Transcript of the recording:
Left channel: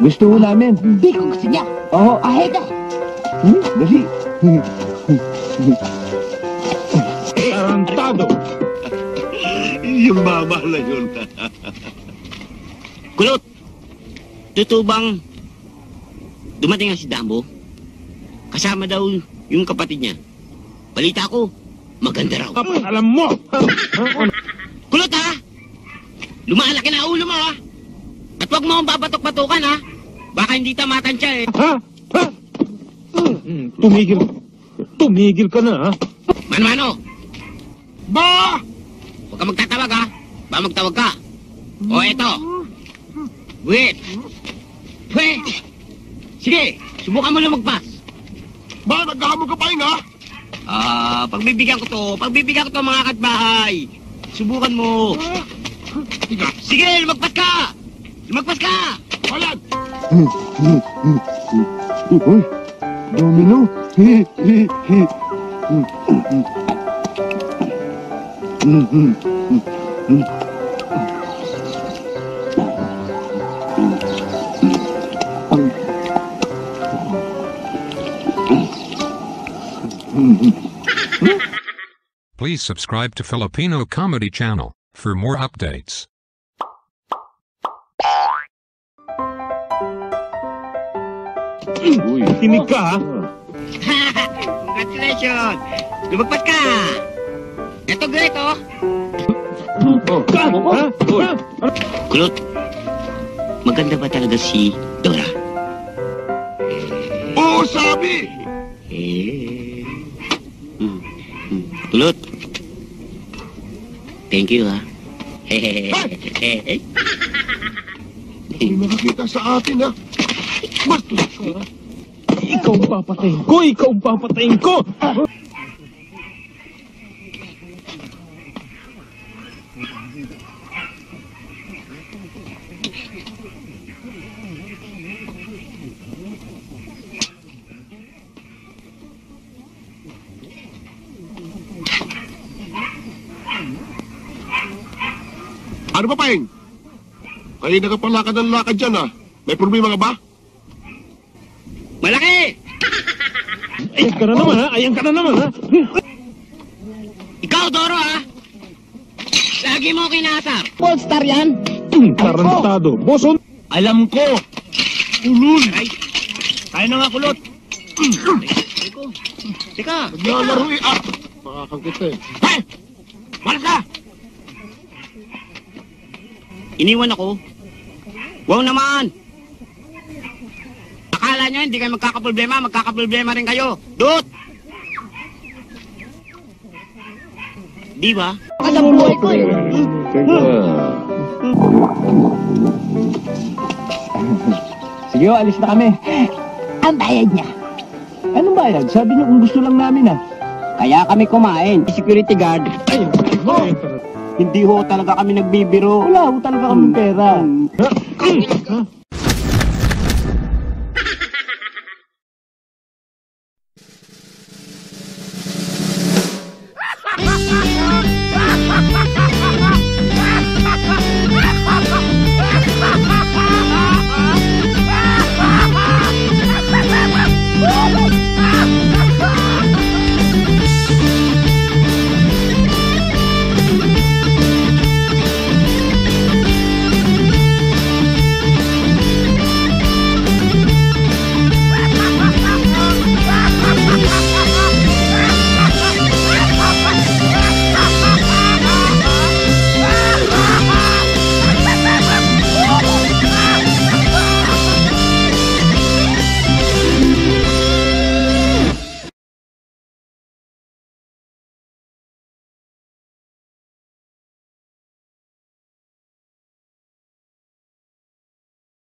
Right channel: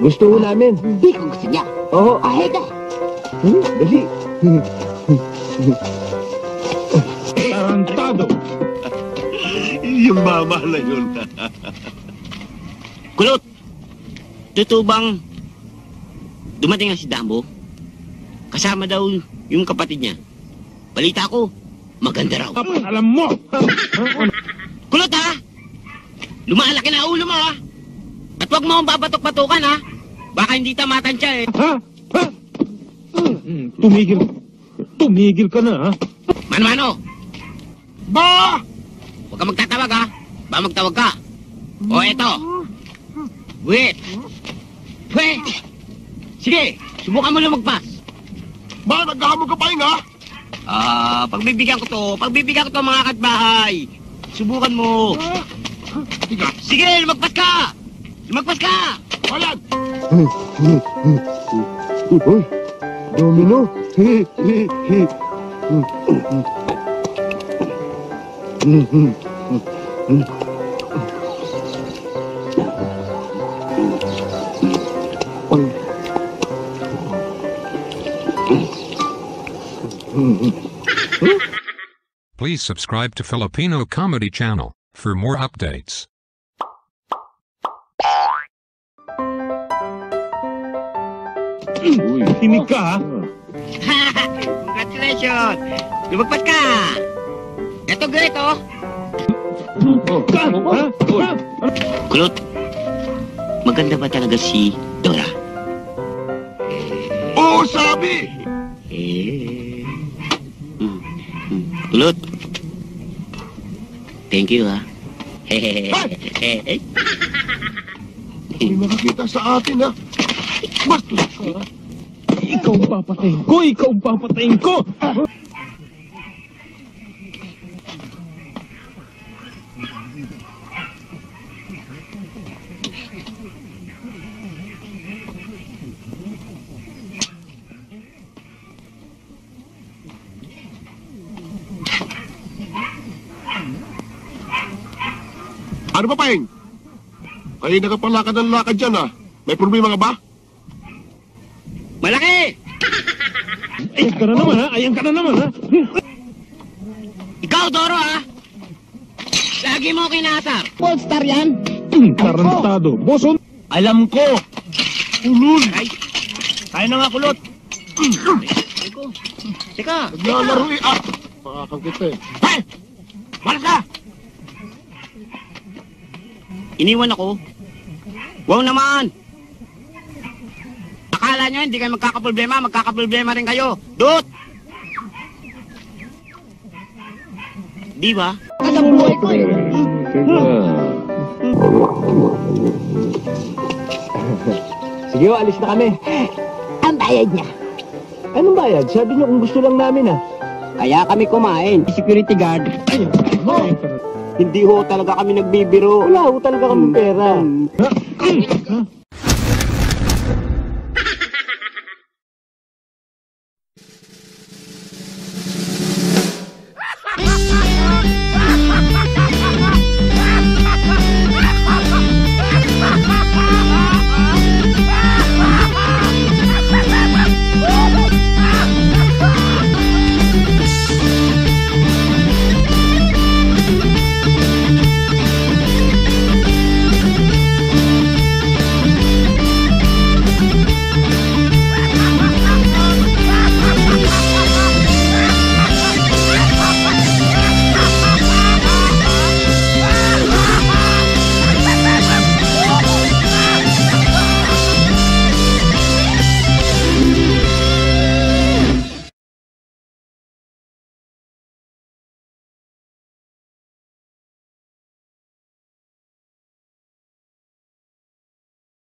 Gusto mo namin. Hindi ko gusto niya. Oo. Ay, na. Dali. Tarantado! Yung mama na yun. Kulot! Totoo bang dumating ang si Dambo? Kasama daw yung kapatid niya. Balita ko, maganda raw. Kapag alam mo! Kulot ha! Lumalaki na ulo mo ha! At huwag mo akong babatok-batukan ha! Baka hindi tamatan siya eh. Ha? Ha? Tumigil. Tumigil ka na, ha? Mano-mano! Ba! Huwag ka magtatawag ha! Ba magtawag ka? O eto! Wait! Wait! Sige! Subukan mo lumagpas! Ba, naghahamon ka pa nga? Pagbibigyan ko to mga katbahay! Subukan mo! Tiga. Sige! Lumagpas ka! Lumagpas ka! Ayan! Domino. Please subscribe to Filipino Comedy Channel for more updates. Uy, tinig ka, ha? Congratulations! Lumagpas ka! Eto, great, oh! Ka! Ha? Ha? Kulot, maganda ba talaga si Dora? Oo, sabi! Kulot, thank you, ha? May makakita sa atin, ha? Bastos ka! Ikaw ang papatayin ko! Ikaw ang papatayin ko! Ano ba, Paeng? Ay, nakapalakad ng lakad dyan, ha? May problema ka ba? Malaki! Ayan ka na naman, ha? Ayan ka na naman, ha? Ikaw, Doro, ha? Lagi mo kinasar. Polestar yan. Tarantado! Boson! Alam ko. Ulul! Ay, tayo na nga, Kulot. Teka. Naglalaro eh, ah! Pakakang kita eh. Hey! Balas ka! Iniwan ako. Wow naman! Akala nyo hindi kayo magkakaproblema rin kayo. Dut! Di ba? Alam buhay ko eh. Sige, alis na kami. Ang bayad niya. Ano bayad? Sabi niya kung gusto lang namin, ha? Kaya kami kumain. Security guard. Ayan ka na naman. Hindi ho talaga kami nagbibiro. Wala ho talaga kaming pera. Ha?